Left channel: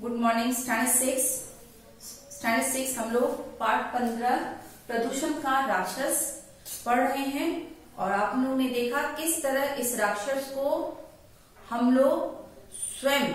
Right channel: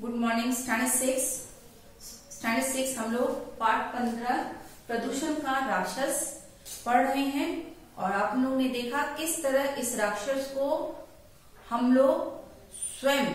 Good morning. Standard six हम लोग part 15 प्रदूषण का राक्षस पढ़ रहे हैं और आप लोगों ने देखा किस तरह इस राक्षस को हम लोग स्वयं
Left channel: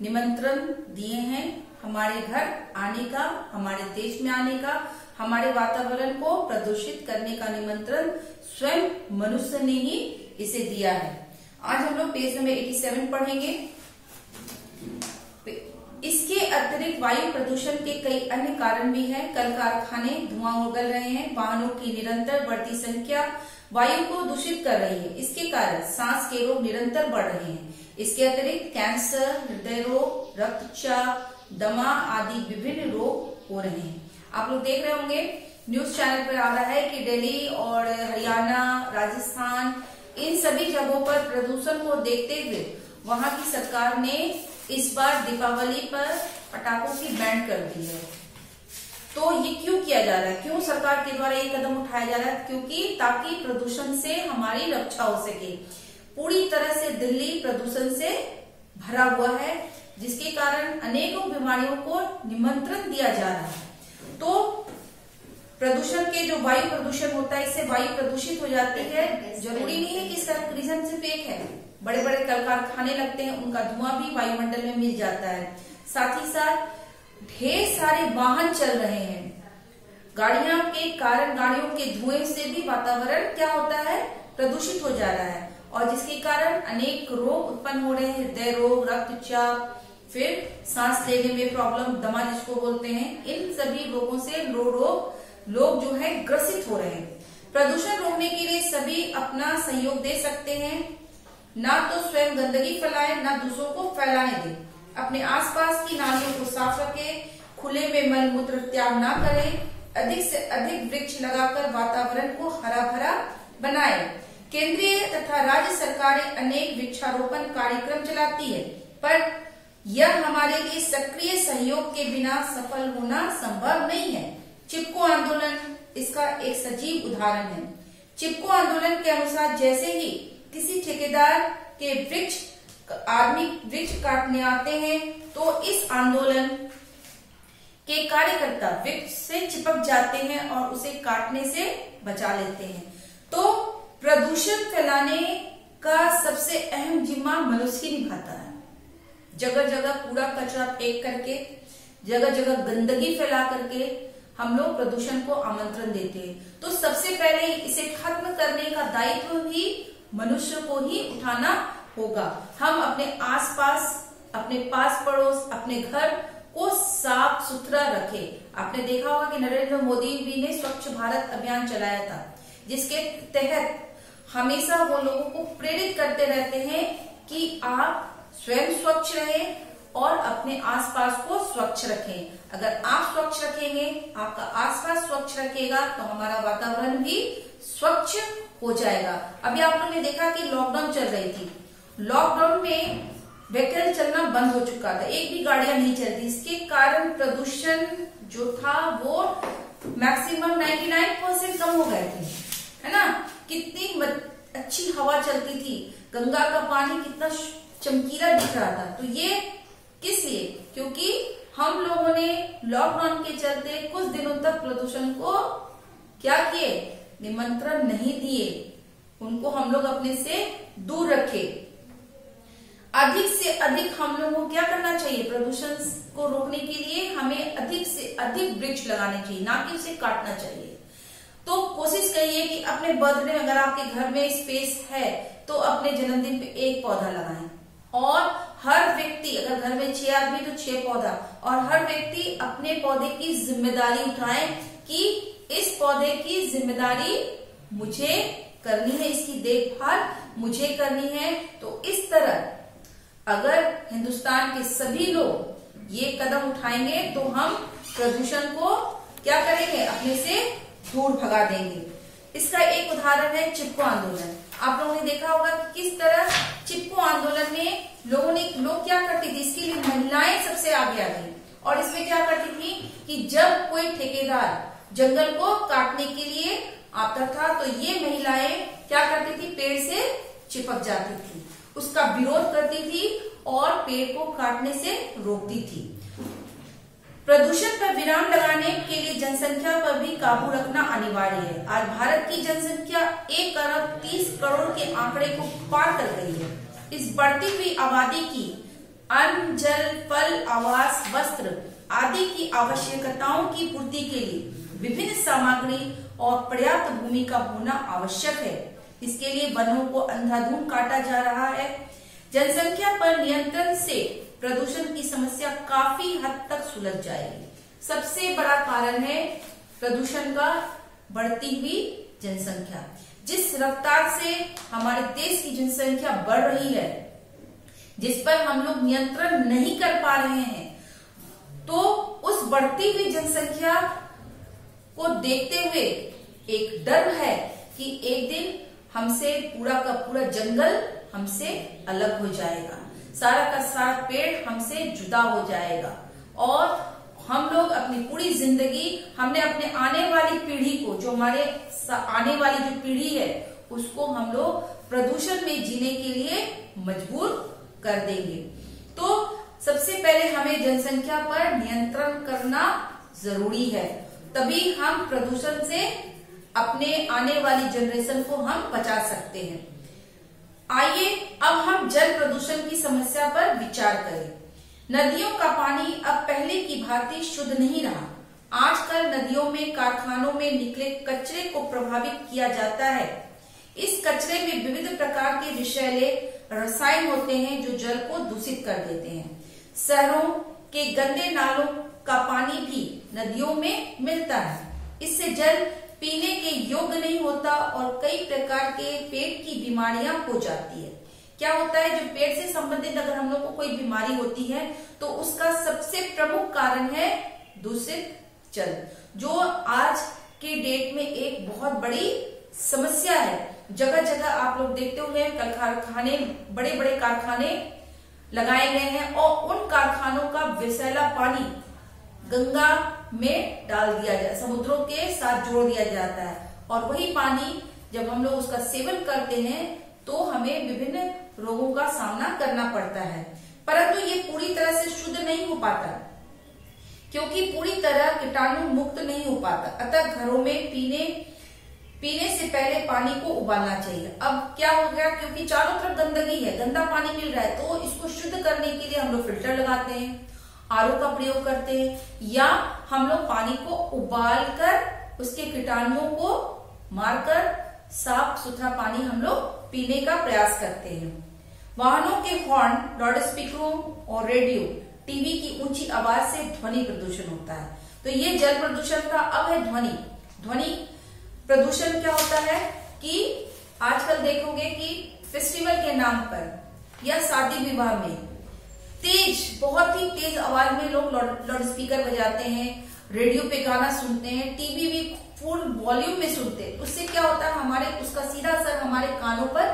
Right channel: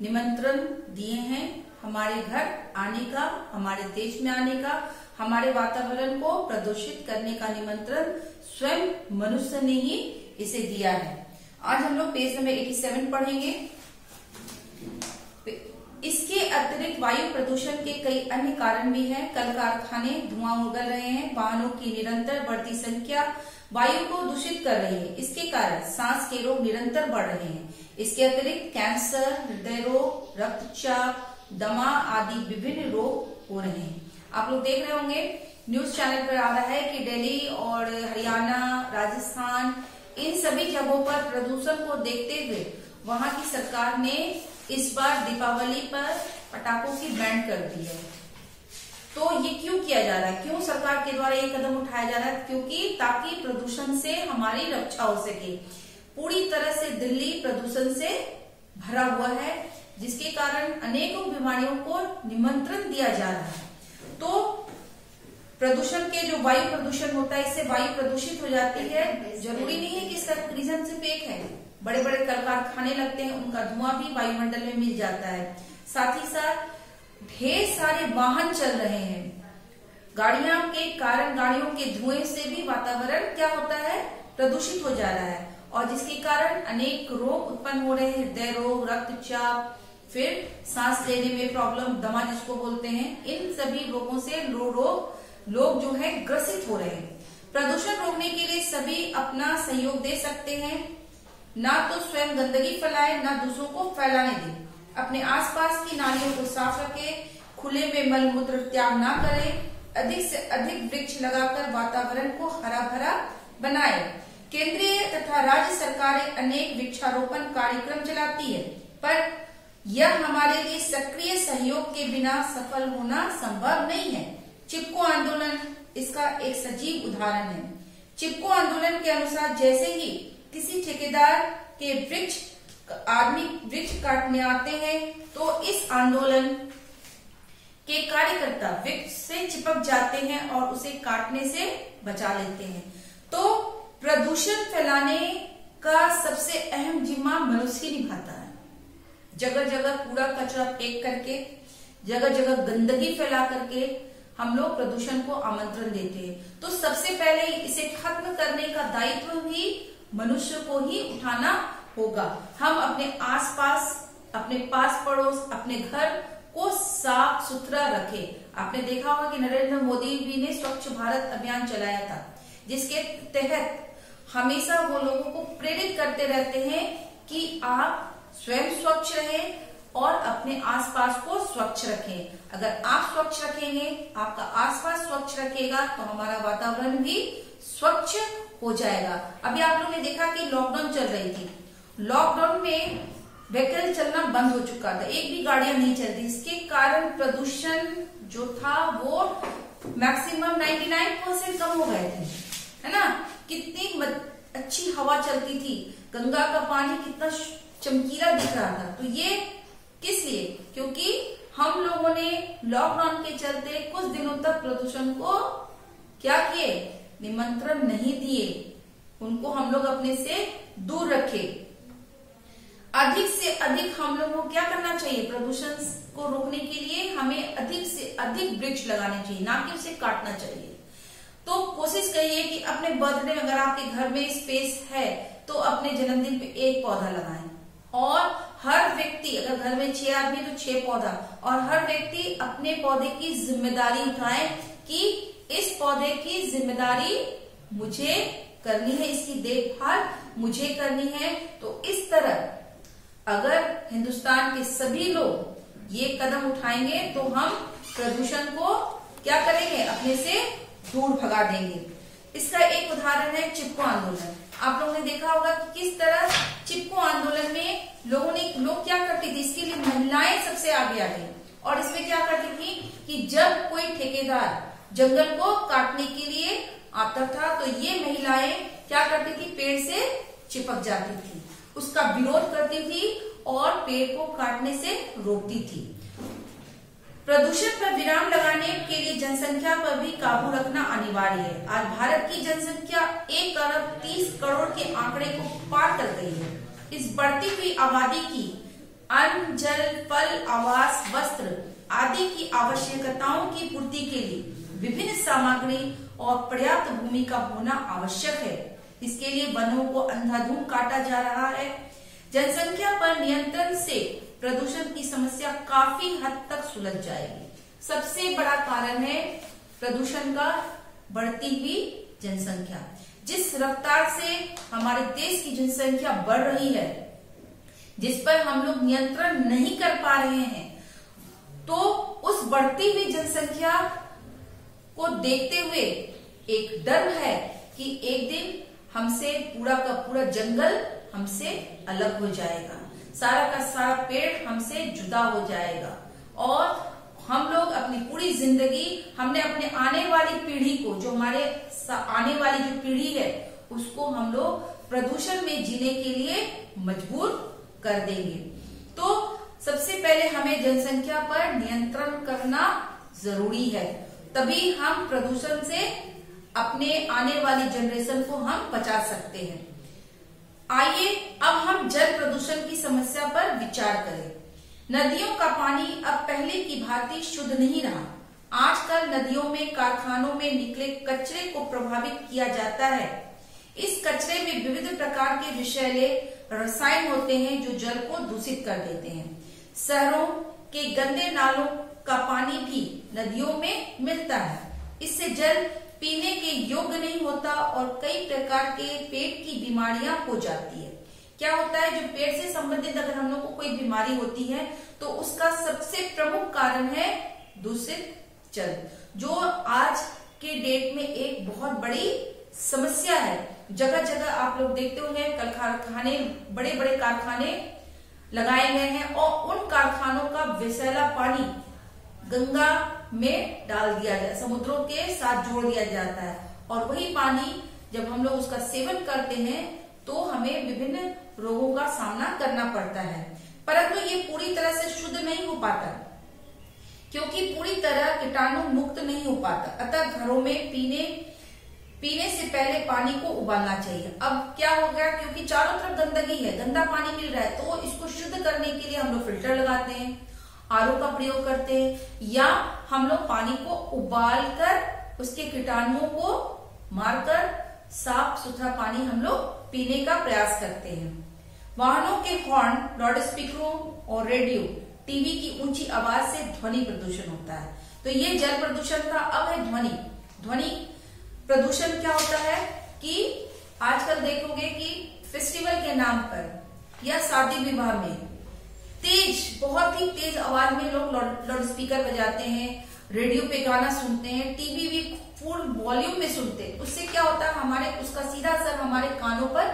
निमंत्रण दिए हैं हमारे घर आने का, हमारे देश में आने का, हमारे वातावरण को प्रदूषित करने का निमंत्रण स्वयं मनुष्य ने ही इसे दिया है। आज हम लोग पेज नंबर 87 पढ़ेंगे। इसके अतिरिक्त वायु प्रदूषण के कई अन्य कारण भी हैं। कल कारखाने धुआं उगल रहे हैं, वाहनों की निरंतर बढ़ती संख्या वायु को दूषित कर रही है। इसके कारण सांस के रोग निरंतर बढ़ रहे हैं। इसके अतिरिक्त कैंसर, हृदय रोग, रक्तचाप, दमा आदि विभिन्न रोग हो रहे हैं। आप लोग देख रहे होंगे न्यूज चैनल पर आ रहा है कि दिल्ली और हरियाणा, राजस्थान, इन सभी जगहों पर प्रदूषण को देखते हुए वहां की सरकार ने इस बार दीपावली पर पटाखों की बैन कर दी है। तो ये क्यों किया जा रहा है, क्यों सरकार के द्वारा ये कदम उठाया जा रहा है? क्योंकि ताकि प्रदूषण से हमारी रक्षा हो सके। पूरी तरह से दिल्ली प्रदूषण से भरा हुआ है, जिसके कारण अनेकों बीमारियों को निमंत्रण दिया जा रहा है। तो प्रदूषण के जो वायु प्रदूषण होता है, इससे वायु प्रदूषित हो जाती है। जरूरी नहीं है कि इसका रीजन सिर्फ एक है। बड़े बड़े कल कारखाने लगते हैं, उनका धुआं भी वायुमंडल में मिल जाता है। साथ ही साथ ढेर सारे वाहन चल रहे हैं। गाड़ियों के कारण, गाड़ियों के धुएं से भी वातावरण क्या होता है, प्रदूषित हो जा रहा है, और जिसके कारण अनेक रोग उत्पन्न हो रहे हैं। हृदय रोग, रक्तचाप, फिर सांस लेने में प्रॉब्लम, दमा जिसको बोलते हैं, इन सभी रोगों से लोग जो है ग्रसित हो रहे हैं। प्रदूषण रोकने के लिए सभी अपना सहयोग दे सकते हैं। ना तो स्वयं गंदगी फैलाए, ना दूसरों को फैलाने दें। अपने आसपास की नालियों को साफ रखें, खुले में मल मूत्र त्याग ना करें। अधिक से अधिक वृक्ष लगाकर वातावरण को हरा भरा बनाएं। केंद्रीय तथा राज्य सरकारें अनेक वृक्षारोपण कार्यक्रम चलाती है, पर यह हमारे लिए सक्रिय सहयोग के बिना सफल होना संभव नहीं है। चिपको आंदोलन इसका एक सजीव उदाहरण है। चिपको आंदोलन के अनुसार जैसे ही किसी ठेकेदार के आदमी वृक्ष काटने आते हैं, तो इस आंदोलन के कार्यकर्ता वृक्ष से चिपक जाते हैं और उसे काटने से बचा लेते हैं। तो प्रदूषण फैलाने का सबसे अहम जिम्मा मनुष्य ही निभाता है। जगह जगह कूड़ा कचरा फेंक करके, जगह जगह गंदगी फैला करके हम लोग प्रदूषण को आमंत्रण देते हैं। तो सबसे पहले इसे खत्म करने का दायित्व भी मनुष्य को ही उठाना होगा। हम अपने आसपास, अपने पास पड़ोस, अपने घर को साफ सुथरा रखें। आपने देखा होगा कि नरेंद्र मोदी जी ने स्वच्छ भारत अभियान चलाया था, जिसके तहत हमेशा वो लोगों को प्रेरित करते रहते हैं कि आप स्वयं स्वच्छ रहें और अपने आसपास को स्वच्छ रखें। अगर आप स्वच्छ रखेंगे, आपका आसपास स्वच्छ रखेगा, तो हमारा वातावरण भी स्वच्छ हो जाएगा। अभी आप लोगों ने देखा कि लॉकडाउन चल रही थी। लॉकडाउन में व्हीकल चलना बंद हो चुका था, एक भी गाड़ियां नहीं चलती। इसके कारण प्रदूषण जो था वो मैक्सिमम 99% कम हो गए थे, है ना। कितनी अच्छी हवा चलती थी, गंगा का पानी कितना चमकीला दिख रहा था। तो ये किस लिए? क्योंकि हम लोगों ने लॉकडाउन के चलते कुछ दिनों तक प्रदूषण को क्या किए, निमंत्रण नहीं दिए, उनको हम लोग अपने से दूर रखे। अधिक से अधिक हम लोगों को क्या करना चाहिए, प्रदूषण को रोकने के लिए हमें अधिक से अधिक वृक्ष लगाने चाहिए, ना कि उसे काटना चाहिए। तो कोशिश करिए कि अपने बर्थडे में, अगर आपके घर में स्पेस है, तो अपने जन्मदिन पे एक पौधा लगाएं। और हर व्यक्ति, अगर घर में 6 आदमी तो 6 पौधा, और हर व्यक्ति अपने पौधे की जिम्मेदारी उठाए कि इस पौधे की जिम्मेदारी मुझे करनी है, इसकी देखभाल मुझे करनी है। तो इस तरह अगर हिंदुस्तान के सभी लोग ये कदम उठाएंगे, तो हम प्रदूषण को क्या करेंगे, अपने से दूर भगा देंगे। इसका एक उदाहरण है चिपको आंदोलन। आप लोगों ने देखा होगा कि किस तरह चिपको आंदोलन में लोग क्या करती थी, इसके लिए महिलाएं सबसे आगे आ गई। और इसमें क्या करती थी कि जब कोई ठेकेदार जंगल को काटने के लिए आता था, तो ये महिलाएं क्या करती थी, पेड़ से चिपक जाती थी उसका विरोध करती थी और पेड़ को काटने से रोकती थी। प्रदूषण पर विराम लगाने के लिए जनसंख्या पर भी काबू रखना अनिवार्य है। आज भारत की जनसंख्या 1 अरब 30 करोड़ के आंकड़े को पार कर गई है। इस बढ़ती हुई आबादी की अन्न, जल, फल, आवास, वस्त्र आदि की आवश्यकताओं की पूर्ति के लिए विभिन्न सामग्री और पर्याप्त भूमि का होना आवश्यक है। इसके लिए वनों को अंधाधुंध काटा जा रहा है। जनसंख्या पर नियंत्रण से प्रदूषण की समस्या काफी हद तक सुलझ जाएगी। सबसे बड़ा कारण है प्रदूषण का बढ़ती हुई जनसंख्या। जिस रफ्तार से हमारे देश की जनसंख्या बढ़ रही है, जिस पर हम लोग नियंत्रण नहीं कर पा रहे हैं, तो उस बढ़ती हुई जनसंख्या को देखते हुए एक डर है कि एक दिन हमसे पूरा का पूरा जंगल हमसे अलग हो जाएगा, सारा का सारा पेड़ हमसे जुदा हो जाएगा और हम लोग अपनी पूरी जिंदगी हमने अपने आने वाली पीढ़ी को, जो हमारे आने वाली जो पीढ़ी है, उसको हम लोग प्रदूषण में जीने के लिए मजबूर कर देंगे। तो सबसे पहले हमें जनसंख्या पर नियंत्रण करना जरूरी है, तभी हम प्रदूषण से अपने आने वाली जनरेशन को हम बचा सकते हैं। आइए अब हम जल प्रदूषण की समस्या पर विचार करें। नदियों का पानी अब पहले की भांति शुद्ध नहीं रहा। आजकल नदियों में, कारखानों में निकले कचरे को प्रभावित किया जाता है। इस कचरे में विविध प्रकार के विषैले रसायन होते हैं जो जल को दूषित कर देते हैं। शहरों के गंदे नालों का पानी भी नदियों में मिलता है। इससे जल पीने के योग्य नहीं होता और कई प्रकार के पेट की बीमारियां हो जाती है। क्या होता है, जो पेट से संबंधित अगर हम लोग को कोई बीमारी होती है तो उसका सबसे प्रमुख कारण है दूषित जल, जो आज के डेट में एक बहुत बड़ी समस्या है। जगह जगह आप लोग देखते होंगे कारखाने, बड़े बड़े कारखाने लगाए गए हैं और उन कारखानों का विषैला पानी गंगा में डाल दिया जाए, समुद्रों के साथ जोड़ दिया जाता है और वही पानी जब हम लोग उसका सेवन करते हैं तो हमें विभिन्न रोगों का सामना करना पड़ता है। परंतु ये पूरी तरह से शुद्ध नहीं हो पाता क्योंकि पूरी तरह कीटाणु मुक्त नहीं हो पाता। अतः घरों में पीने से पहले पानी को उबालना चाहिए। अब क्या हो गया, क्योंकि चारों तरफ गंदगी है, गंदा पानी मिल रहा है, तो इसको शुद्ध करने के लिए हम लोग फिल्टर लगाते हैं, आरओ का प्रयोग करते हैं, या हम लोग पानी को उबाल कर उसके कीटाणुओं को मारकर साफ सुथरा पानी हम लोग पीने का प्रयास करते हैं। वाहनों के हॉर्न, लाउड स्पीकरों और रेडियो, टीवी की ऊंची आवाज से ध्वनि प्रदूषण होता है। तो ये जल प्रदूषण था। अब है ध्वनि प्रदूषण। क्या होता है कि आजकल देखोगे कि फेस्टिवल के नाम पर या शादी विवाह में बहुत ही तेज आवाज में लोग लाउड स्पीकर बजाते हैं, रेडियो पे गाना सुनते हैं, टीवी भी फुल वॉल्यूम में सुनते हैं। उससे क्या होता है, उसका सीधा असर हमारे कानों पर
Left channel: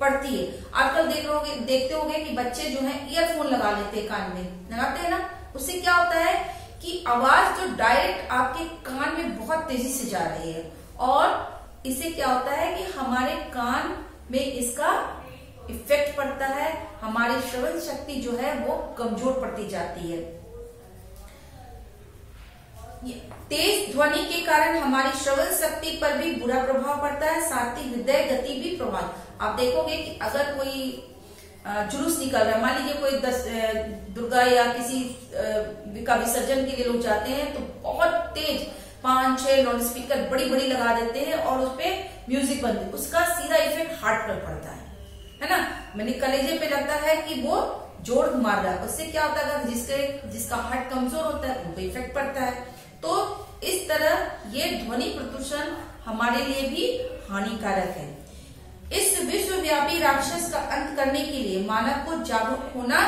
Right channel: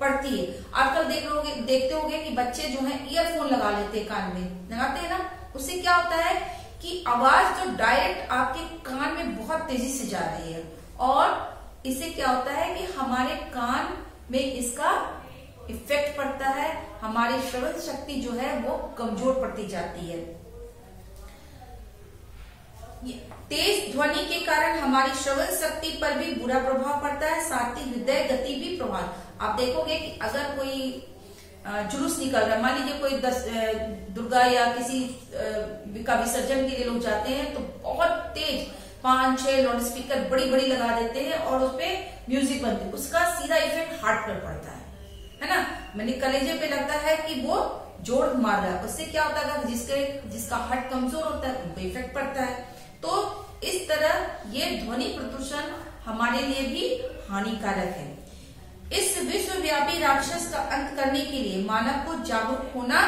पड़ती है। आजकल देखते होंगे कि बच्चे जो है ईयरफोन लगा लेते हैं, कान में लगाते हैं ना। उससे क्या होता है कि आवाज जो डायरेक्ट आपके कान में बहुत तेजी से जा रही है और इससे क्या होता है कि हमारे कान में इसका इफेक्ट पड़ता है, हमारी श्रवण शक्ति जो है वो कमजोर पड़ती जाती है। तेज ध्वनि के कारण हमारी श्रवण शक्ति पर भी बुरा प्रभाव पड़ता है, साथ ही हृदय गति भी प्रभावित। आप देखोगे कि अगर कोई जुलूस निकल रहा है, मान लीजिए कोई दुर्गा या किसी का विसर्जन के लिए लोग जाते हैं, तो बहुत तेज 5-6 लाउड स्पीकर बड़ी बड़ी लगा देते हैं और उसपे म्यूजिक बनती है। उसका सीधा इफेक्ट हार्ट पर पड़ता है ना, मैंने कलेजे पे लगता है कि वो जोड़ मार रहा है। उससे क्या होता है, जिसका हार्ट कमजोर होता है उनको इफेक्ट पड़ता है। तो इस तरह ये ध्वनि प्रदूषण हमारे लिए भी हानिकारक है। इस विश्वव्यापी राक्षस का अंत करने के लिए मानव को जागरूक होना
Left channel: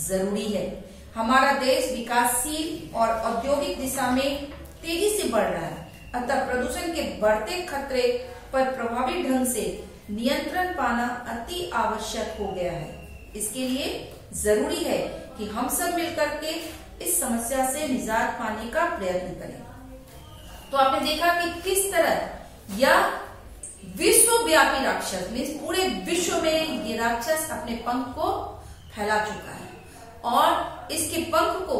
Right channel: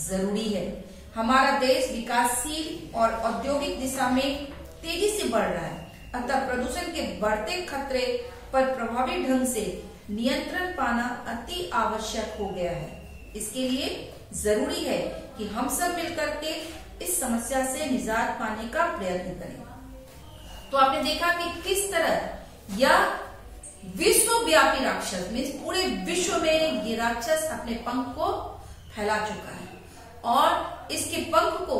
जरूरी है। हमारा देश विकासशील और औद्योगिक दिशा में तेजी से बढ़ रहा है, अतः प्रदूषण के बढ़ते खतरे पर प्रभावी ढंग से नियंत्रण पाना अति आवश्यक हो गया है। इसके लिए जरूरी है कि हम सब मिलकर के इस समस्या से निजात पाने का प्रयत्न करें। तो आपने देखा कि किस तरह यह विश्वव्यापी राक्षस, मीन्स पूरे विश्व में ये राक्षस अपने पंख को फैला चुका है और इसके पंख को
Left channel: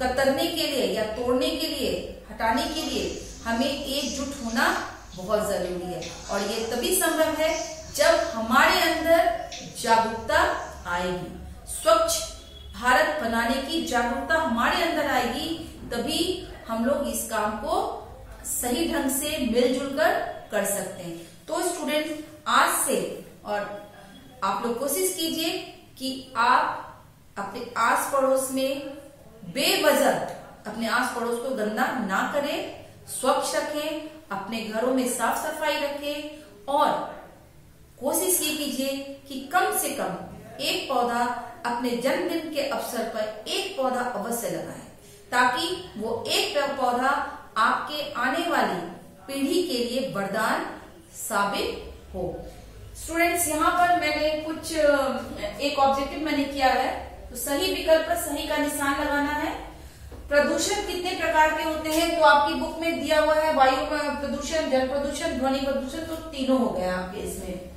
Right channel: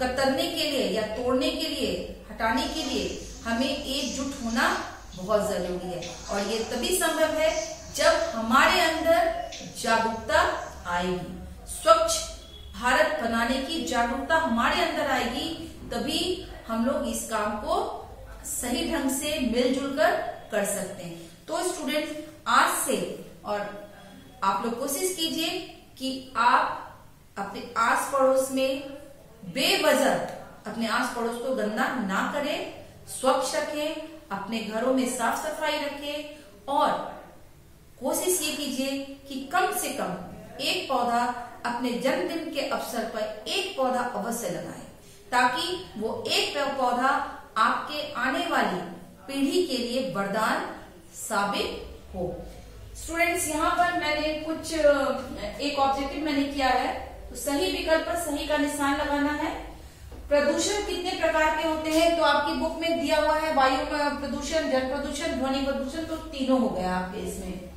कतरने के लिए या तोड़ने के लिए, हटाने के लिए हमें एकजुट होना बहुत जरूरी है। और ये तभी संभव है जब हमारे अंदर जागरूकता आएगी। स्वच्छ भारत बनाने की जागरूकता हमारे अंदर आएगी, तभी हम लोग इस काम को सही ढंग से मिलजुल कर सकते हैं। तो स्टूडेंट, आज से और आप लोग कोशिश कीजिए कि आप अपने आस पड़ोस में बेवजह अपने आस पड़ोस को गंदा ना करें, स्वच्छ रखें, अपने घरों में साफ सफाई रखें और कोशिश ये कीजिए कि कम से कम एक पौधा अपने जन्मदिन के अवसर पर एक पौधा अवश्य लगाएं, ताकि वो एक पौधा आपके आने वाली पीढ़ी के लिए वरदान साबित हो। स्टूडेंट्स, यहाँ पर मैंने एक ऑब्जेक्टिव मैंने किया है, तो सही विकल्प पर सही का निशान लगाना है। प्रदूषण कितने प्रकार के होते हैं, तो आपकी बुक में दिया हुआ है वायु प्रदूषण, जल प्रदूषण, ध्वनि प्रदूषण, तो तीनों हो गया आपके इसमें।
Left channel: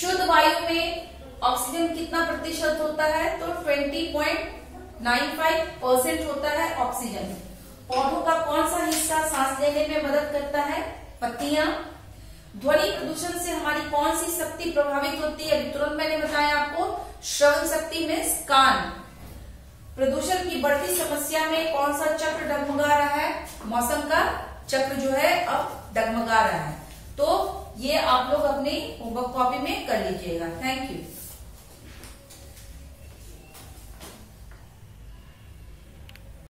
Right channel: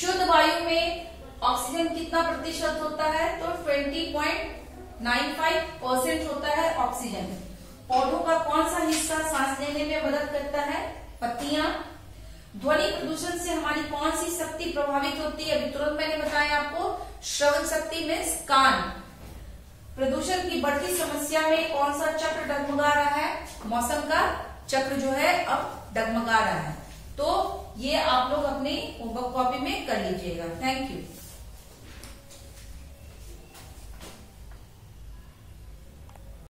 शुद्ध वायु में ऑक्सीजन कितना प्रतिशत होता है, तो 20.95% होता है ऑक्सीजन। पौधों का कौन सा हिस्सा सांस लेने में मदद करता है, पत्तियां। ध्वनि प्रदूषण से हमारी कौन सी शक्ति प्रभावित होती है, अभी तुरंत मैंने बताया आपको, श्रवण शक्ति में कान। प्रदूषण की बढ़ती समस्या में कौन सा चक्र डगमगा रहा है, मौसम का चक्र जो है अब डगमगा रहा है। तो ये आप लोग अपनी होमवर्क कॉपी में कर लीजिएगा। Thank you.